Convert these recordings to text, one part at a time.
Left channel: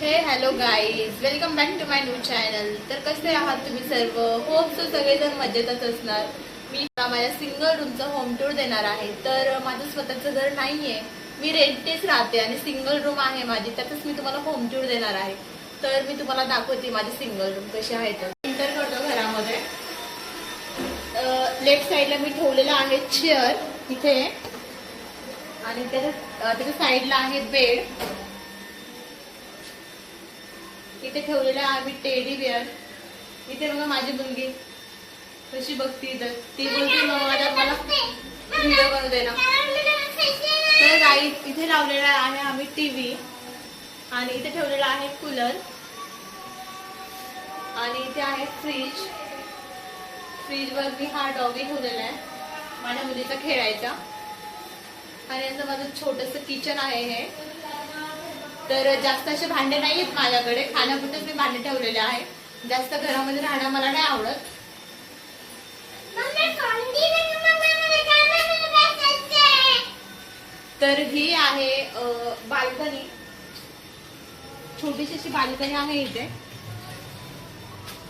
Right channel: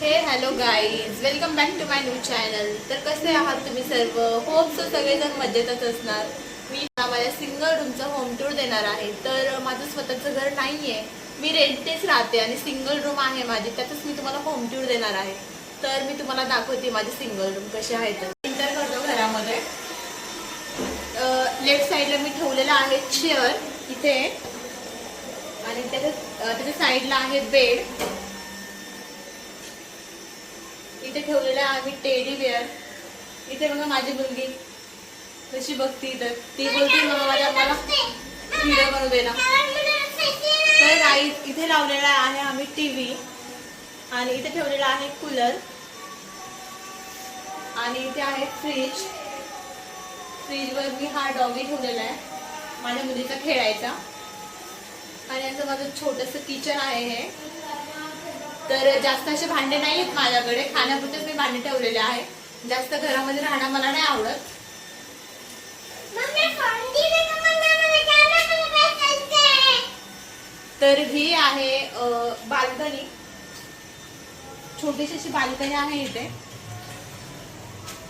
हे hello guys, welcome back to my new channel. तर कसे आहात तुम्ही सर्व? होप सो सगळेजण मजेतच असणार. मी माझ्या सिंगल रूमचं होम टूर देणार आहे. तर माझं स्वतःचं घर नाही आहे, मी रेंटनेच राहते आणि सिंगल रूम आहे माझी, त्यातच मी तुम्हाला होम टूर देणार आहे. तर मी तुम्हाला दाखवते माझी सिंगल रूम कशी आहे. तर एंटर करतो घरामध्ये. लेफ्ट साईडला मी ठेवलेलं आहे चेअर इथे, आणि त्याच्या साईडला आहे बेड. इथे ठेवलेलं आहे आम्ही टेडी बिअर. इथे बघा माझी मुलगी कशी बघती, तर ती बोलते मग मला व्हिडिओ बनवू दे ना. तर गाई इथे लावलेला आहे आम्ही टीव्ही, आणि इथे ठेवलेला आहे कूलर, आणि इथे आहे फ्रीज. फ्रीजवर मी हा डॉगी ठेवलेला आहे माझ्या मुलीचा खेळायचा. आणि असं माझं छोटंसं किचन आहे हे. तर जास्त असे भांडे नाही आहेत माझ्याकडे, खाण्यापुरतेच मी भांडे ठेवलेले आहे. जास्त घरामध्ये राहणं मला नाही आवडत. तर ही आहे बाल्कनी, छोटीशी अशी बाल्कनी आहे इथे.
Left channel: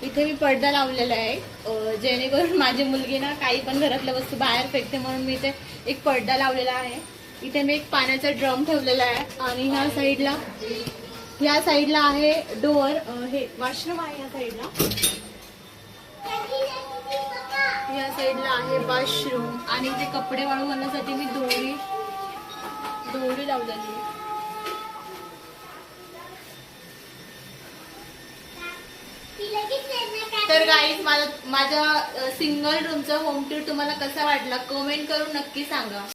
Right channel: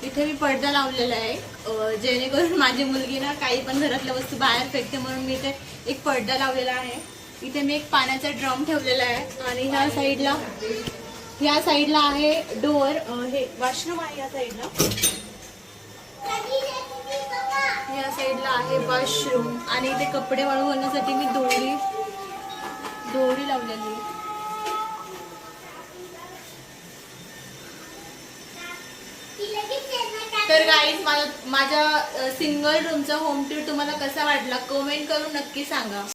इथे मी पडदा लावलेला आहे जेणेकरून माझी मुलगी ना काही पण घरातल्या वस्तू बाहेर फेकते, म्हणून मी इथे एक पडदा लावलेला आहे. इथे मी एक पाण्याचा ड्रम ठेवलेला आहे, आणि ह्या साईडला आहे डोअर, हे वॉशरूम आहे. या साईडला आहे वॉशरूम, आणि इथे कपडे वाळू घालण्यासाठी मी दोरी लावलेली आहे. तर गाईज, माझ्या सिंगल रूमचा होम टूर तुम्हाला कसा वाटला कमेंट करून नक्की सांगा.